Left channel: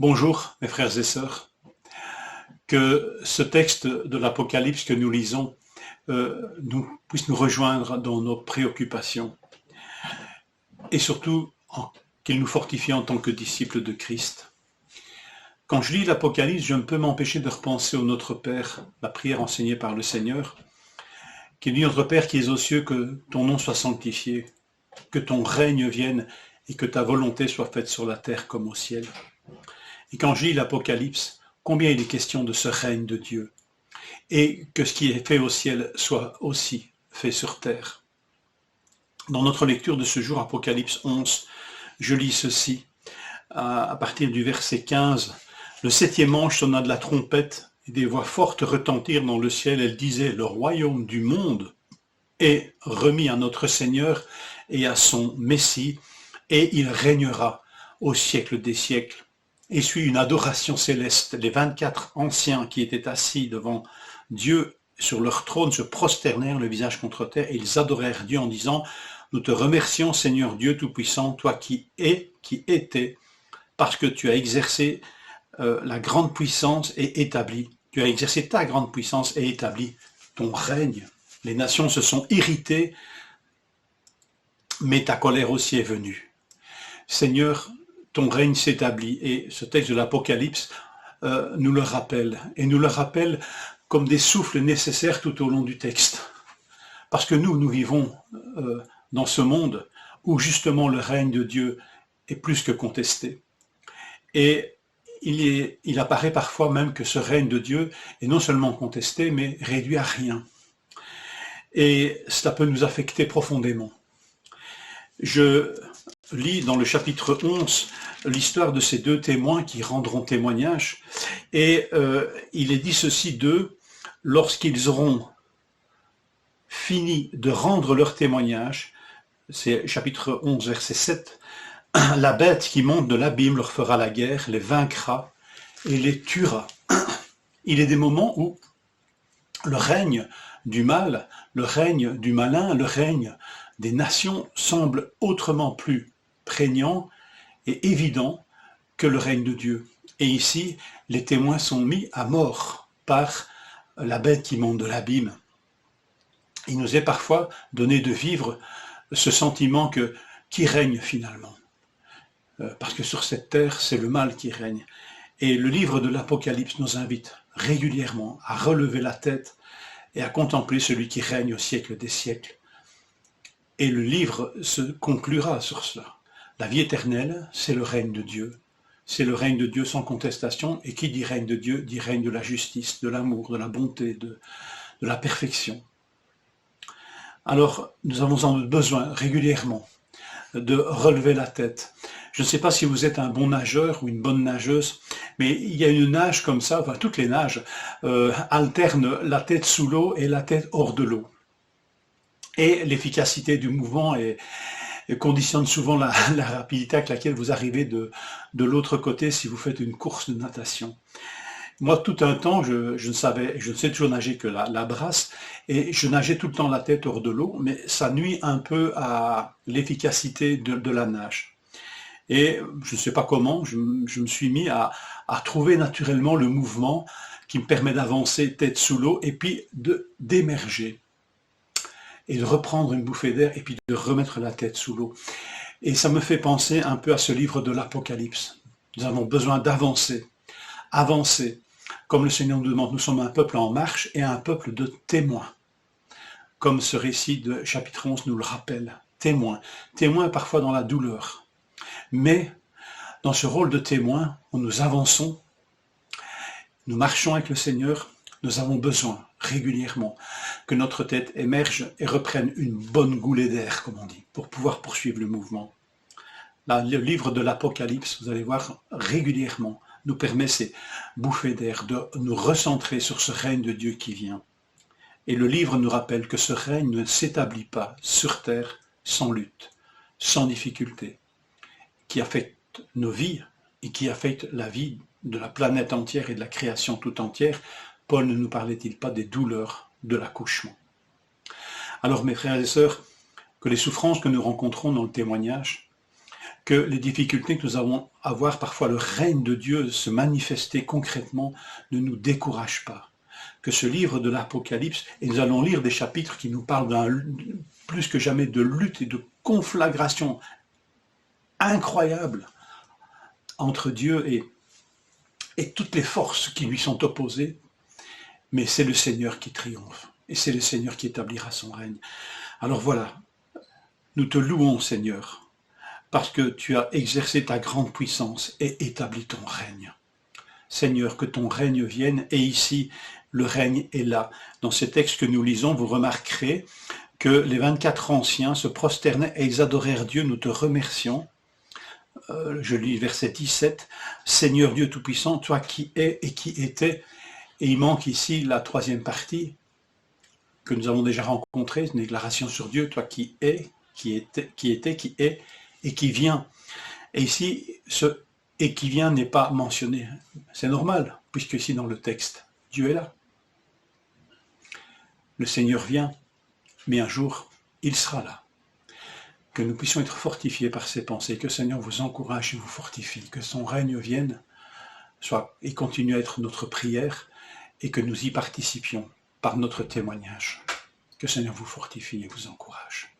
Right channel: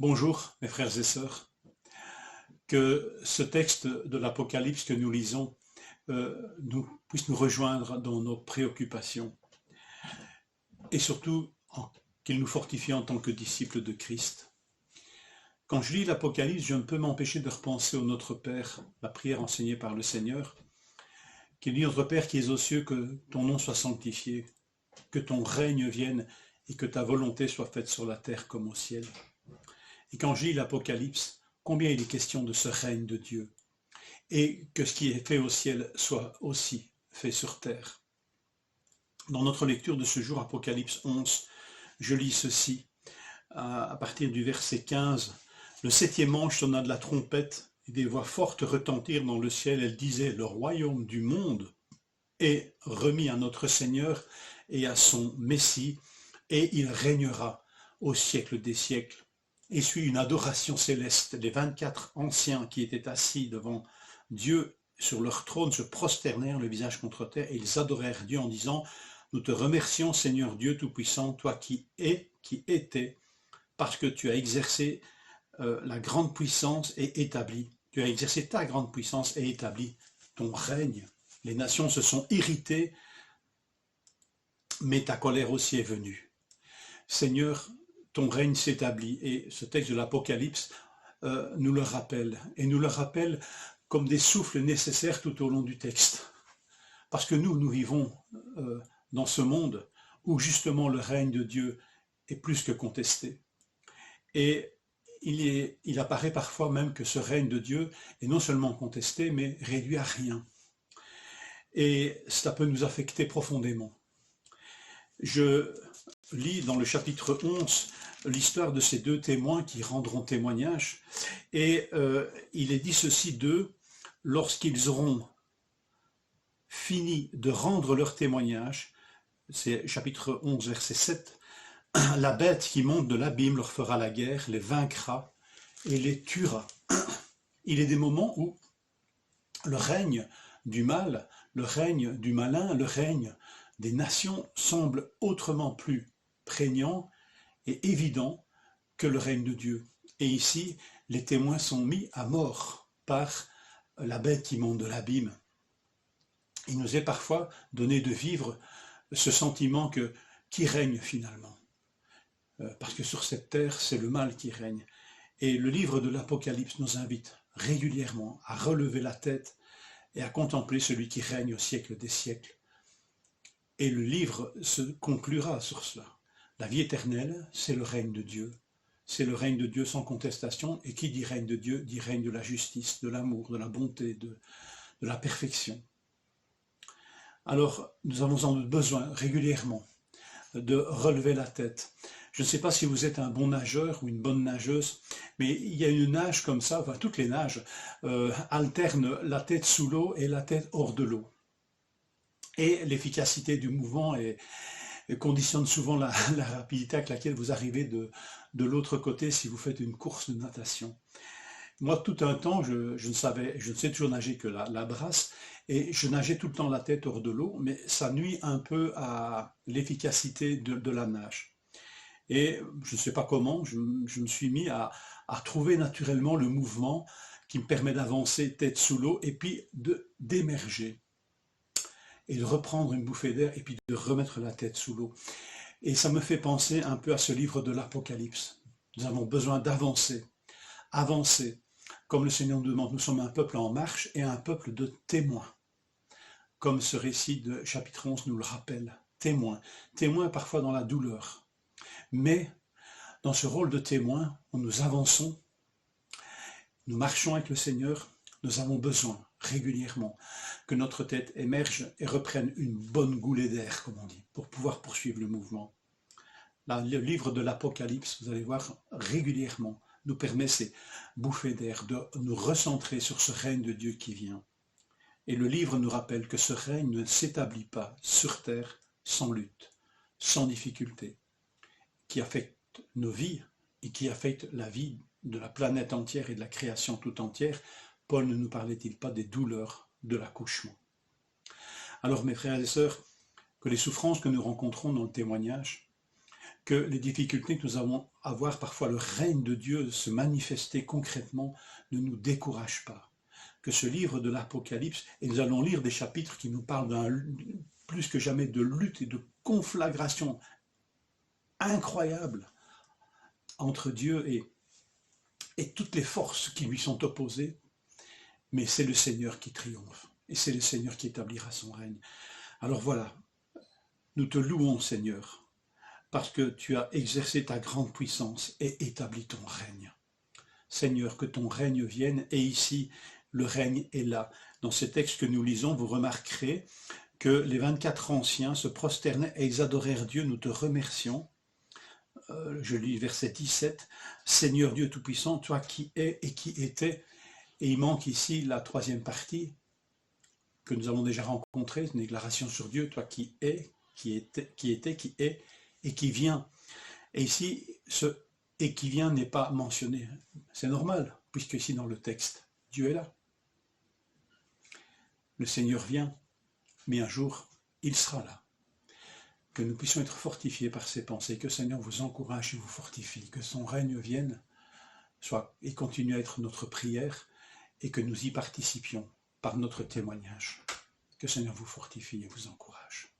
Bonjour mes frères et sœurs, que ce texte de l'Apocalypse que nous lisons puisse nous rejoindre dans nos préoccupations et surtout qu'il nous fortifie en tant que disciples de Christ. Quand je lis l'Apocalypse, je ne peux m'empêcher de repenser au Notre Père, la prière enseignée par le Seigneur, qui dit: Notre Père qui es aux cieux, que ton nom soit sanctifié, que ton règne vienne et que ta volonté soit faite sur la terre comme au ciel. Et quand je lis l'Apocalypse, combien il est question de ce règne de Dieu, et que ce qui est fait au ciel soit aussi fait sur terre. Dans notre lecture de ce jour, Apocalypse 11, je lis ceci, à partir du verset 15. Le septième ange sonna de la trompette, et des voix fortes retentirent dans le ciel. Elles disaient: le royaume du monde est remis à notre Seigneur et à son Messie, et il régnera au siècle des siècles. Et suit une adoration céleste. Les 24 anciens qui étaient assis devant Dieu sur leur trône se prosternèrent le visage contre terre, et ils adorèrent Dieu en disant: nous te remercions, Seigneur Dieu Tout-Puissant, toi qui es, qui étais, parce que tu as exercé la grande puissance et établi. Tu as exercé ta grande puissance et établi ton règne. Les nations se sont irritées, mais ta colère aussi est venue. Seigneur, ton règne s'établit, et ce texte de l'Apocalypse nous le rappelle, et nous le rappelle comme des souffles nécessaires tout au long du texte. Parce que nous vivons dans ce monde où justement le règne de Dieu est plus que contesté. Et il apparaît parfois même que ce règne de Dieu est non seulement contesté, mais réduit à rien. Et cela peut nous affecter profondément. Je lis dans le chapitre 11 l'histoire de ces deux témoins qui rendront témoignage, et il est dit ceci d'eux: lorsqu'ils auront fini de rendre leur témoignage, c'est chapitre 11 verset 7, la bête qui monte de l'abîme leur fera la guerre, les vaincra et les tuera. Il est des moments où le règne du mal, le règne du malin, le règne des nations semble autrement plus prégnant et évident que le règne de Dieu. Et ici, les témoins sont mis à mort par la bête qui monte de l'abîme. Il nous est parfois donné de vivre ce sentiment que qui règne finalement, parce que sur cette terre, c'est le mal qui règne. Et le livre de l'Apocalypse nous invite régulièrement à relever la tête et à contempler celui qui règne au siècle des siècles. Et le livre se conclura sur cela. La vie éternelle, c'est le règne de Dieu. C'est le règne de Dieu sans contestation. Et qui dit règne de Dieu, dit règne de la justice, de l'amour, de la bonté, de la perfection. Alors, nous avons besoin régulièrement de relever la tête. Je ne sais pas si vous êtes un bon nageur ou une bonne nageuse, mais il y a une nage comme ça, enfin toutes les nages alternent la tête sous l'eau et la tête hors de l'eau. Et l'efficacité du mouvement conditionne souvent la rapidité avec laquelle vous arrivez de l'autre côté si vous faites une course de natation. Moi, tout un temps, je ne sais toujours nager que la brasse, et je nageais tout le temps la tête hors de l'eau, mais ça nuit un peu à l'efficacité de la nage. Et je ne sais pas comment, je me suis mis à trouver naturellement le mouvement qui me permet d'avancer tête sous l'eau et puis d'émerger et de reprendre une bouffée d'air et puis de remettre la tête sous l'eau. Et ça me fait penser un peu à ce livre de l'Apocalypse. Nous avons besoin d'avancer, avancer. Comme le Seigneur nous demande, nous sommes un peuple en marche et un peuple de témoins. Comme ce récit de chapitre 11 nous le rappelle. Témoins. Témoins parfois dans la douleur. Mais dans ce rôle de témoin, où nous avançons, nous marchons avec le Seigneur, nous avons besoin régulièrement que notre tête émerge et reprenne une bonne goulée d'air, comme on dit, pour pouvoir poursuivre le mouvement. Là, le livre de l'Apocalypse, vous allez voir, régulièrement nous permet ces bouffées d'air, de nous recentrer sur ce règne de Dieu qui vient. Et le livre nous rappelle que ce règne ne s'établit pas sur terre sans lutte, sans difficulté, qui affecte nos vies et qui affecte la vie de la planète entière et de la création tout entière. Paul ne nous parlait-il pas des douleurs de l'accouchement? Alors mes frères et sœurs, que les souffrances que nous rencontrons dans le témoignage que les difficultés que nous avons à voir, parfois le règne de Dieu se manifester concrètement, ne nous découragent pas. Que ce livre de l'Apocalypse, et nous allons lire des chapitres qui nous parlent plus que jamais de lutte et de conflagration incroyable entre Dieu et toutes les forces qui lui sont opposées, mais c'est le Seigneur qui triomphe, et c'est le Seigneur qui établira son règne. Alors voilà, nous te louons, Seigneur, parce que tu as exercé ta grande puissance et établi ton règne. Seigneur, que ton règne vienne, et ici, le règne est là. Dans ces textes que nous lisons, vous remarquerez que les 24 anciens se prosternaient et ils adorèrent Dieu, nous te remercions. Je lis verset 17, Seigneur Dieu Tout-Puissant, toi qui es et qui étais, et il manque ici la troisième partie que nous avons déjà rencontrée, une déclaration sur Dieu, toi qui es, qui était, qui est et qui vient. Et ici, ce « et qui vient » n'est pas mentionné. C'est normal, puisque ici dans le texte, Dieu est là. Le Seigneur vient, mais un jour, il sera là. Que nous puissions être fortifiés par ces pensées, que le Seigneur vous encourage et vous fortifie, que son règne vienne et continue à être notre prière, et que nous y participions par notre témoignage. Que le Seigneur vous fortifie et vous encourage.